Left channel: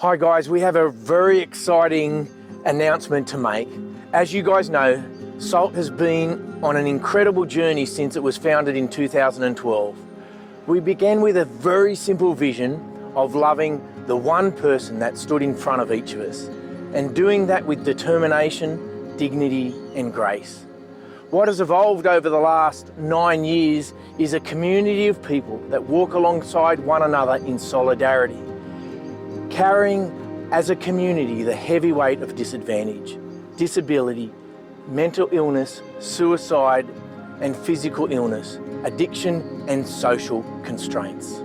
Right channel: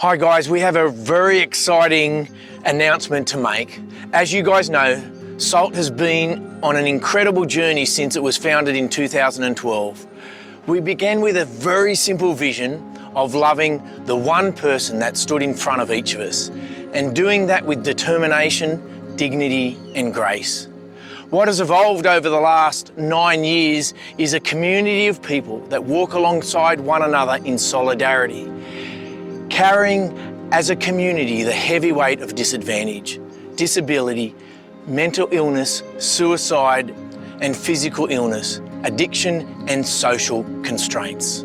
Hi guys, we have a very exciting announcement to make. As you guys know, SALT has been on an incredible journey since it was founded in 2012. We began with a very simple vision of loving the one person that stood in front of each of us and doing that with determination, dignity and grace. What has evolved over the last 9 years is a community of people that walk alongside one another in solidarity, carrying as a community the heavy weight of disadvantage, disability, mental illness, suicide and physical illness, addiction and social constraints.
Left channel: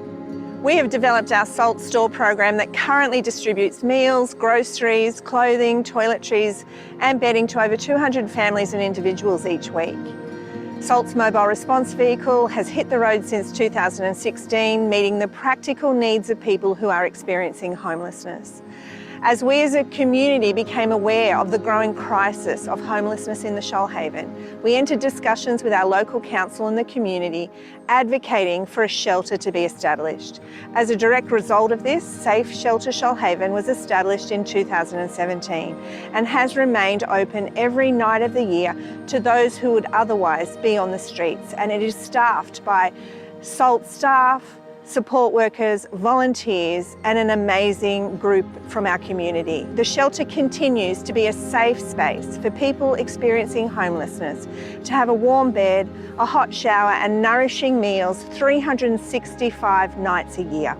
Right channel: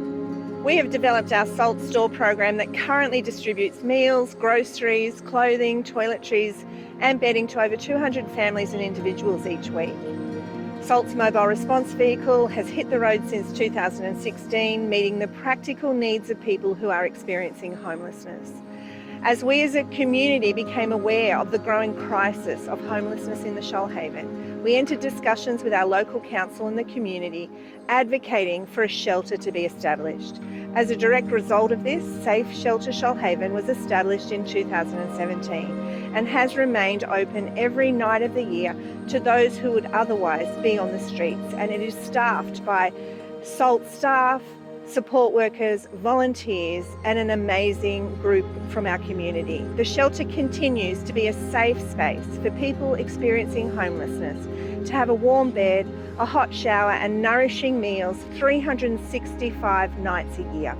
We have developed our SALT store program that currently distributes meals, groceries, clothing, toiletries and bedding to over 200 families and individuals each week. SALT's mobile response vehicle has hit the road since 2016, meeting the practical needs of people who are experiencing homelessness. As we as a community became aware of the growing crisis of homelessness in the Shoalhaven, we entered discussions with our local council and the community, advocating for a shelter to be established. As a direct result of this, Safe Shelter Shoalhaven was established in 2017 and has remained open every night of the year to those who would otherwise be on the streets, and it is staffed by SALT staff, support workers, volunteers and an amazing group from our community. The shelter continues to be a safe space for people experiencing homelessness to have a warm bed, a hot shower and nourishing meals 365 nights a year.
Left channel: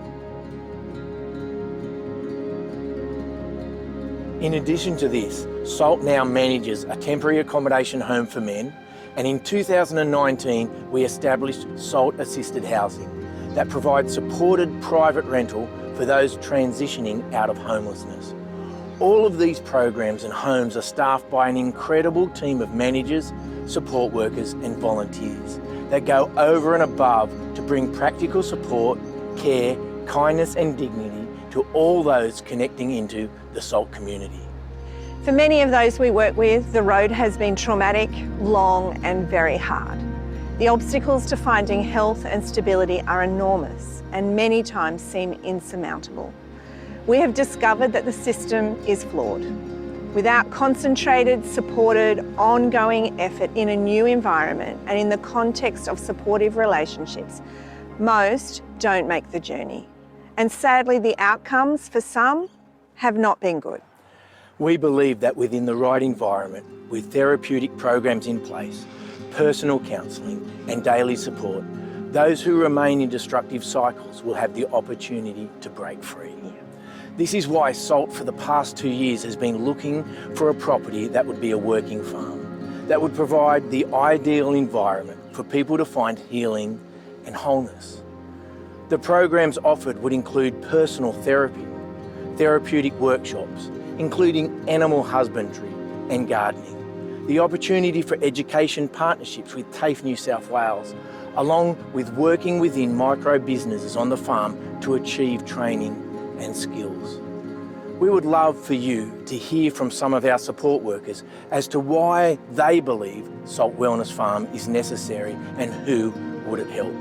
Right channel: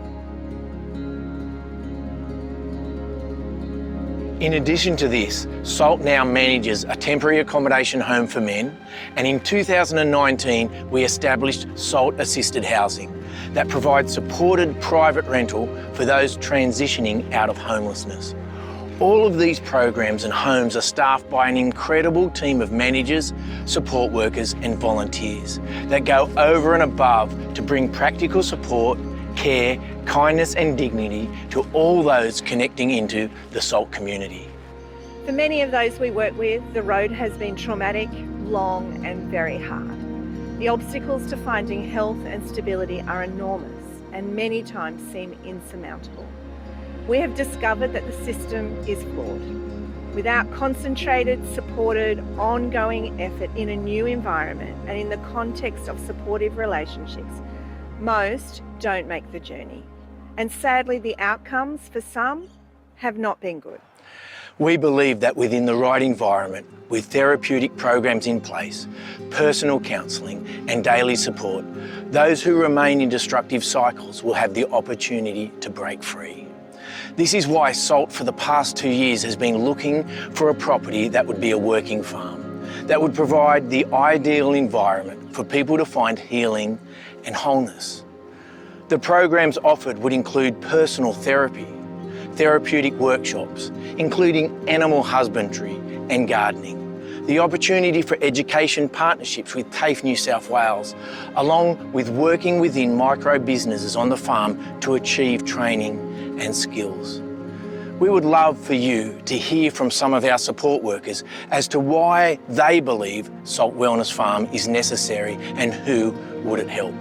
In addition to this, SALT now manages a temporary accommodation home for men, and in 2019 we established SALT Assisted Housing that provides supported private rental for those transitioning out of homelessness. All of these programs and homes are staffed by an incredible team of managers, support workers and volunteers that go over and above to bring practical support, care, kindness and dignity to all those connecting into the SALT community. For many of those we work with, the road has been traumatic, long and very hard. The obstacles to finding health and stability are enormous and many times seem insurmountable. We have discovered that the system is flawed. Without concentrated, supported, ongoing effort in a new environment and in the context of supportive relationships, most don't make the journey. And sadly, the outcomes for some have not been good. We believe that within the right environment, with therapeutic programs in place, personal counselling and daily support, those who remain in destructive cycles will have the opportunity to break free. This is why SALT for the past 2 years has been looking for a property that would be a working farm, that would provide the ideal environment for people to find healing and wholeness. The programs offered would include personal therapy, therapeutic workshops, including animal husbandry and gardening, the opportunity for education partnerships with TAFE New South Wales, along with working within micro businesses on the farm to achieve training and skills. We would love for you to hear from some of our support workers as to why they believe SALT Wellness Farm is necessary and who would it help.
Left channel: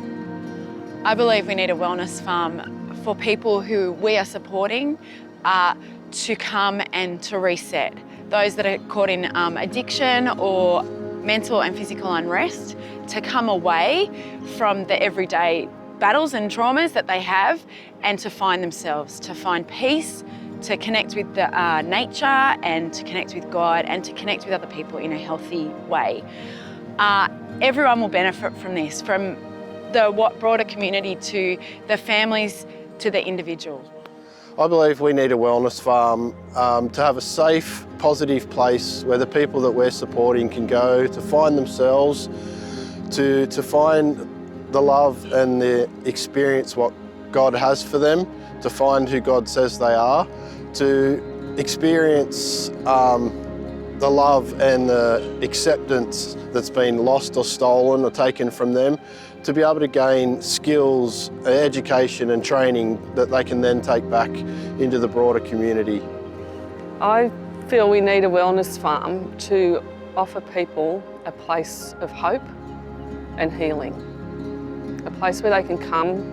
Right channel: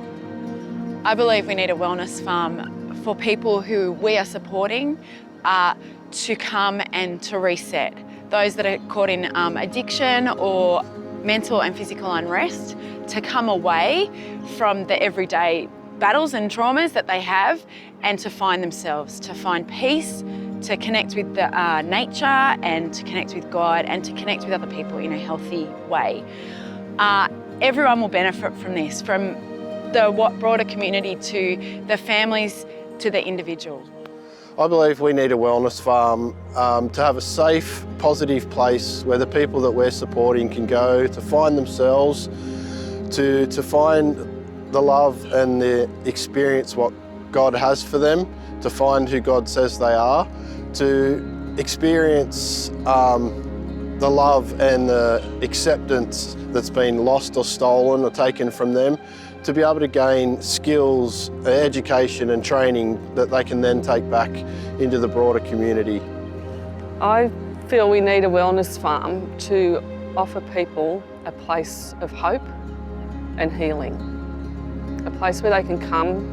I believe we need a wellness farm for people who we are supporting to come and to reset. Those that are caught in addiction or mental and physical unrest, to come away from the everyday battles and traumas that they have and to find themselves, to find peace, to connect with the nature and to connect with God and to connect with other people in a healthy way. Everyone will benefit from this, from the broader community to the families to the individual. I believe we need a wellness farm to have a safe, positive place where the people that we're supporting can go to find themselves, to find the love and the experience what God has for them, to find who God says they are, to experience the love and the acceptance that's been lost or stolen or taken from them, to be able to gain skills, education and training that they can then take back into the broader community. I feel we need a wellness farm to offer people a place of hope and healing, a place where they can come.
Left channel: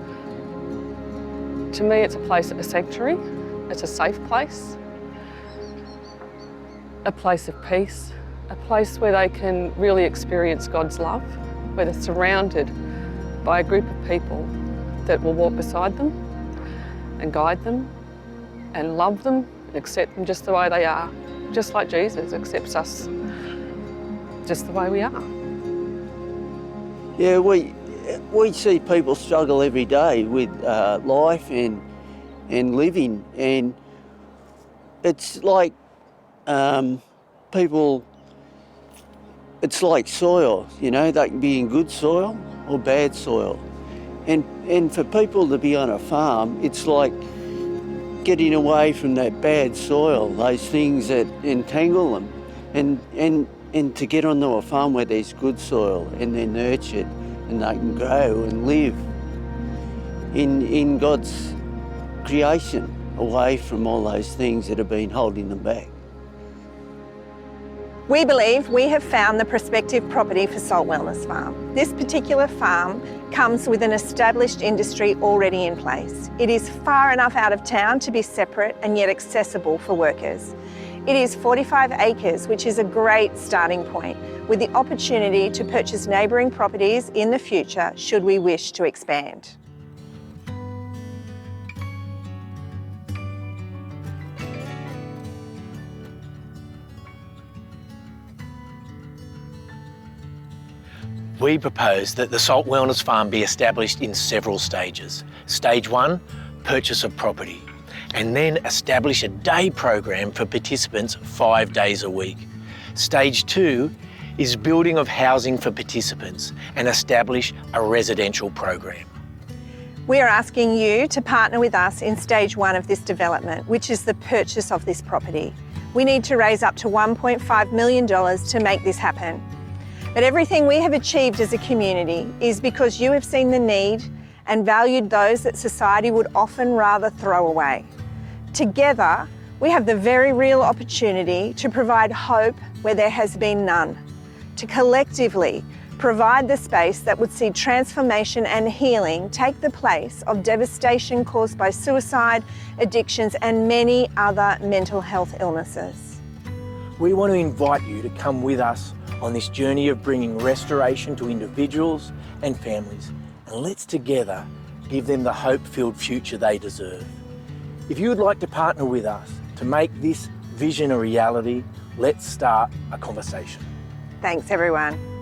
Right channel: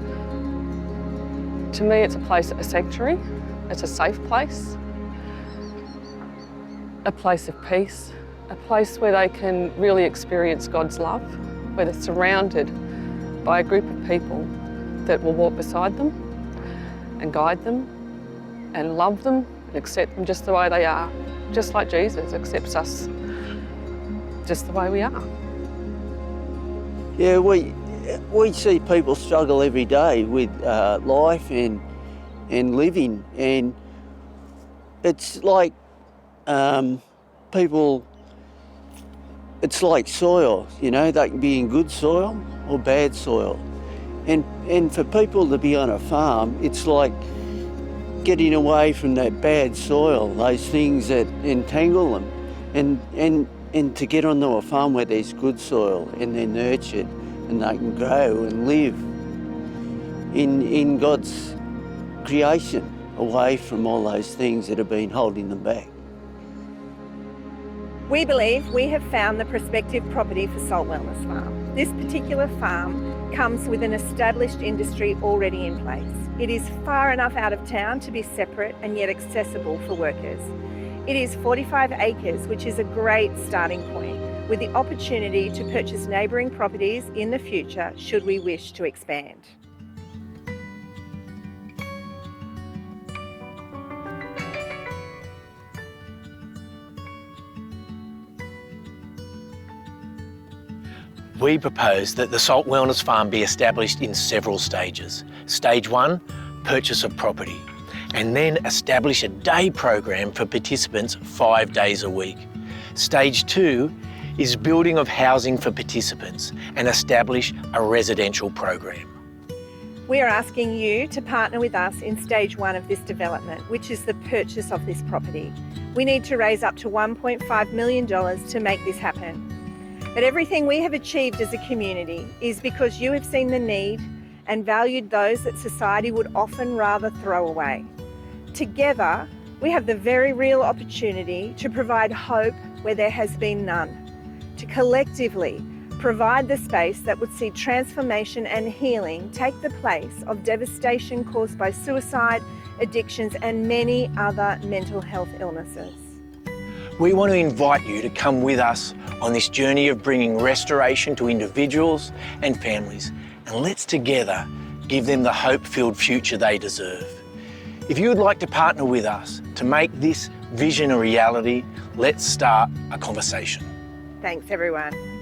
To me, it's a place, a sanctuary, It's a safe place, a place of peace, a place where they can really experience God's love, where they're surrounded by a group of people that will walk beside them and guide them and love them and accept them just the way they are, just like Jesus accepts us just the way we are. Yeah, we see people struggle every day with life and living, and it's like people, it's like soil, you know, they can be in good soil or bad soil. And for people to be on a farm, it's like getting away from that bad soil, those things that entangle them, and to get onto a farm where there's good soil and they're nurtured and they can grow and live in God's creation, away from all those things that have been holding them back. We believe we have found the prospective property for Salt Wellness Farm. This particular farm comes with an established industry already in place. It is far enough out of town to be separate and yet accessible for workers. It is 45 acres, which is a great starting point, with the opportunity to purchase neighbouring properties in the future should we wish to expand. We propose that the Salt Wellness Farm be established in several stages. Stage 1, purchase of property, and then establish a day program for participants 5 days a week. Stage 2 is building of housing for participants and establish a residential program. We are asking you to partner with us in stage 1 of this development, which is the purchase of this property. We need to raise up to $1.5 million to make this happen. But everything we have achieved as a community is because you have seen the need and valued those that society would often rather throw away. Together, we have the very real opportunity to provide hope where there has been none, to collectively provide the space that would see transformation and healing take the place of devastation caused by suicide, addictions, and many other mental health illnesses. We want to invite you to come with us on this journey of bringing restoration to individuals and families, and let's together give them the hope-filled future they deserve. If you would like to partner with us to make this vision a reality, let's start a conversation. Thanks, everyone.